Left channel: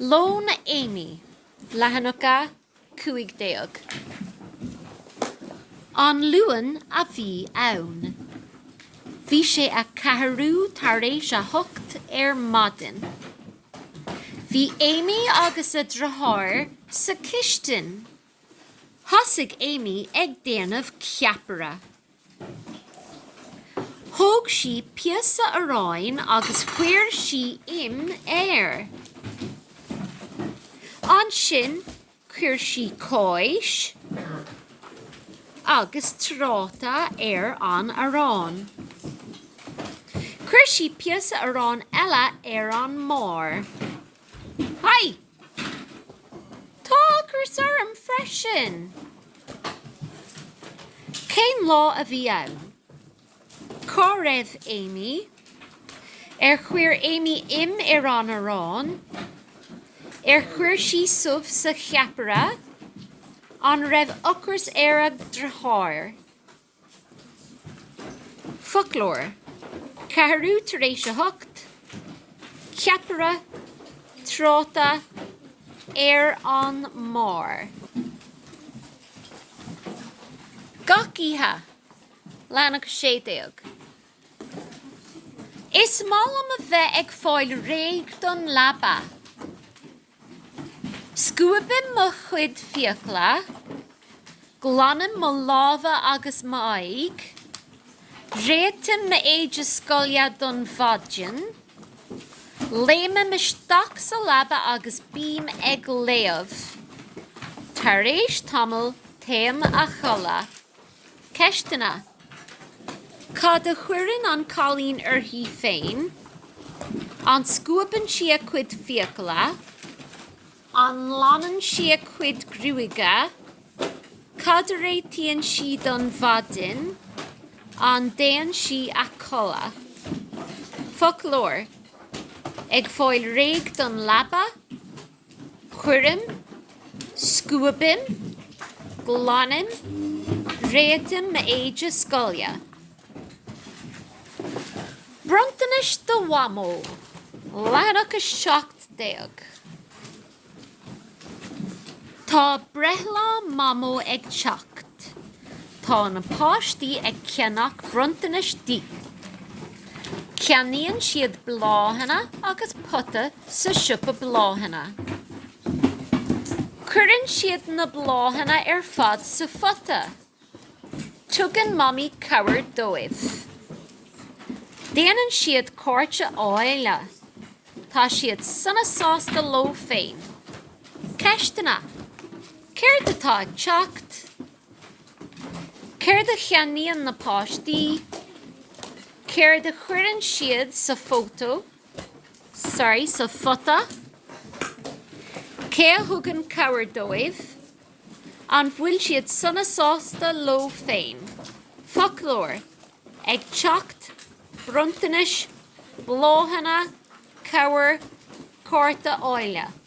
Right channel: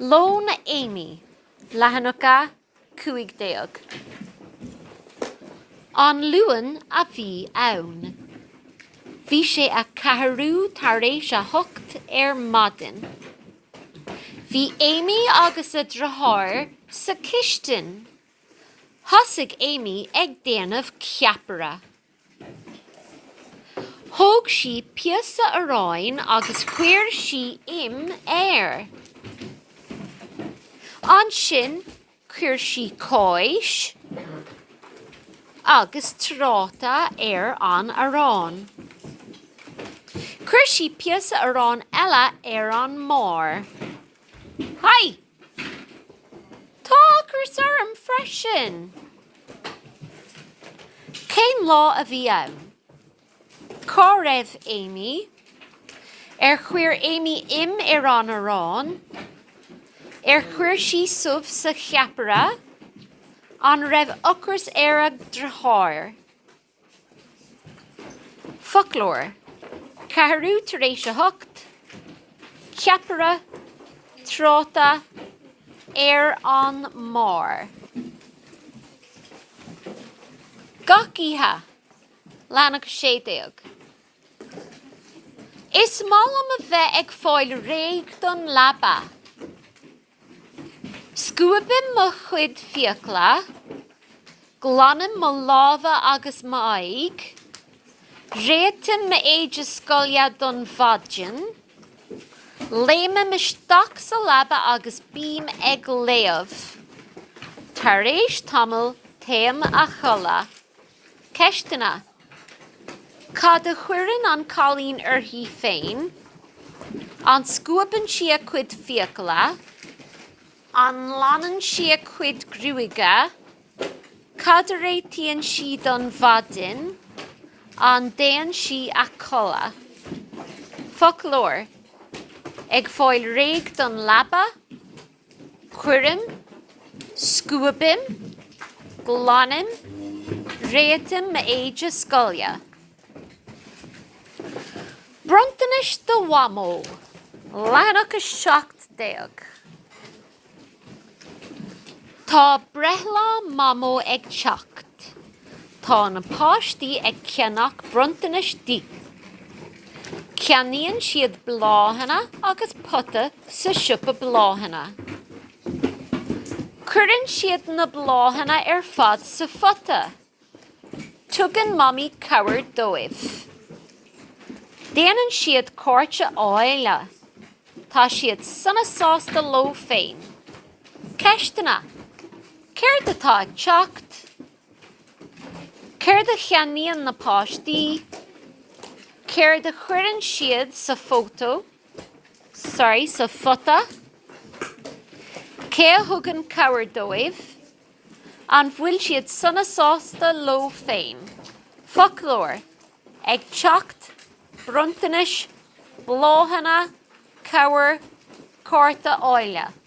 Lón Amy, Lehanúcha 15. An luan a bhí ann. Bhí sé a cathrú tar éis a thucht maidin. Bhí Amy agus a drothar sa chistin. Thosaigh Amy ag déanamh ceapara. Thóg sí piasa aráin agus chuir sí air. An sin chuir sí cóis agus tráta an arán. Chuir sí piasa arán eile an mór. Hi! Tá chus orm freisin. Cén lá a bhí ann? Cá raibh Amy, chuir Amy an arán, chuir sí subh sa cheapara, an raibh ocras ag drothar. Folklór, cathrú tar éis a thucht, ceapara, tráta, an mór. Gacíthe, Lehanúcha 16. Is málam a bheith ag fáil réig don labba. Scuabim mo chuid fiacla, glanam mo láva agus mo aig, réitim mo éide scolia don fadjin, léime mo stach sa labba agus bím ag léamh. Tar éis tamil téim a chola. Ceistena. Cad a chuireann an cálín uirthi féin, an scuaban si a cuid fiacla, an lanan si a cuid grúige, cad a réitíonn si don fadin, an déan si a colla. Folklór, ag fáil réig don labba, chuirim, scuabim, glanim, réitim ma éide scolia. Brontanis do wamo, Lehanúcha 17. Tá brethla mamo ag teacht. Tá na páistí ag ceannach brontanis dí. Ceannaíonn siad bláhanna agus puta sa siúpa bláhanna. Cuireann siad na bláhanna fad sa futa. Tugann mommy cabhair dóibh. Déanann siad córte áile. Tá siad sanna sásta ló féin. Ceistena, céir de tá ag teacht? Céir de cheannaíonn na páistí? Céir de chuireann siad sa sa futa? Cé a thugann cabhair dóibh? An bhfuil siad sanna sásta ló féin. Folklór, ag teacht, brontanis, bláhanna, cabhair, córta áile.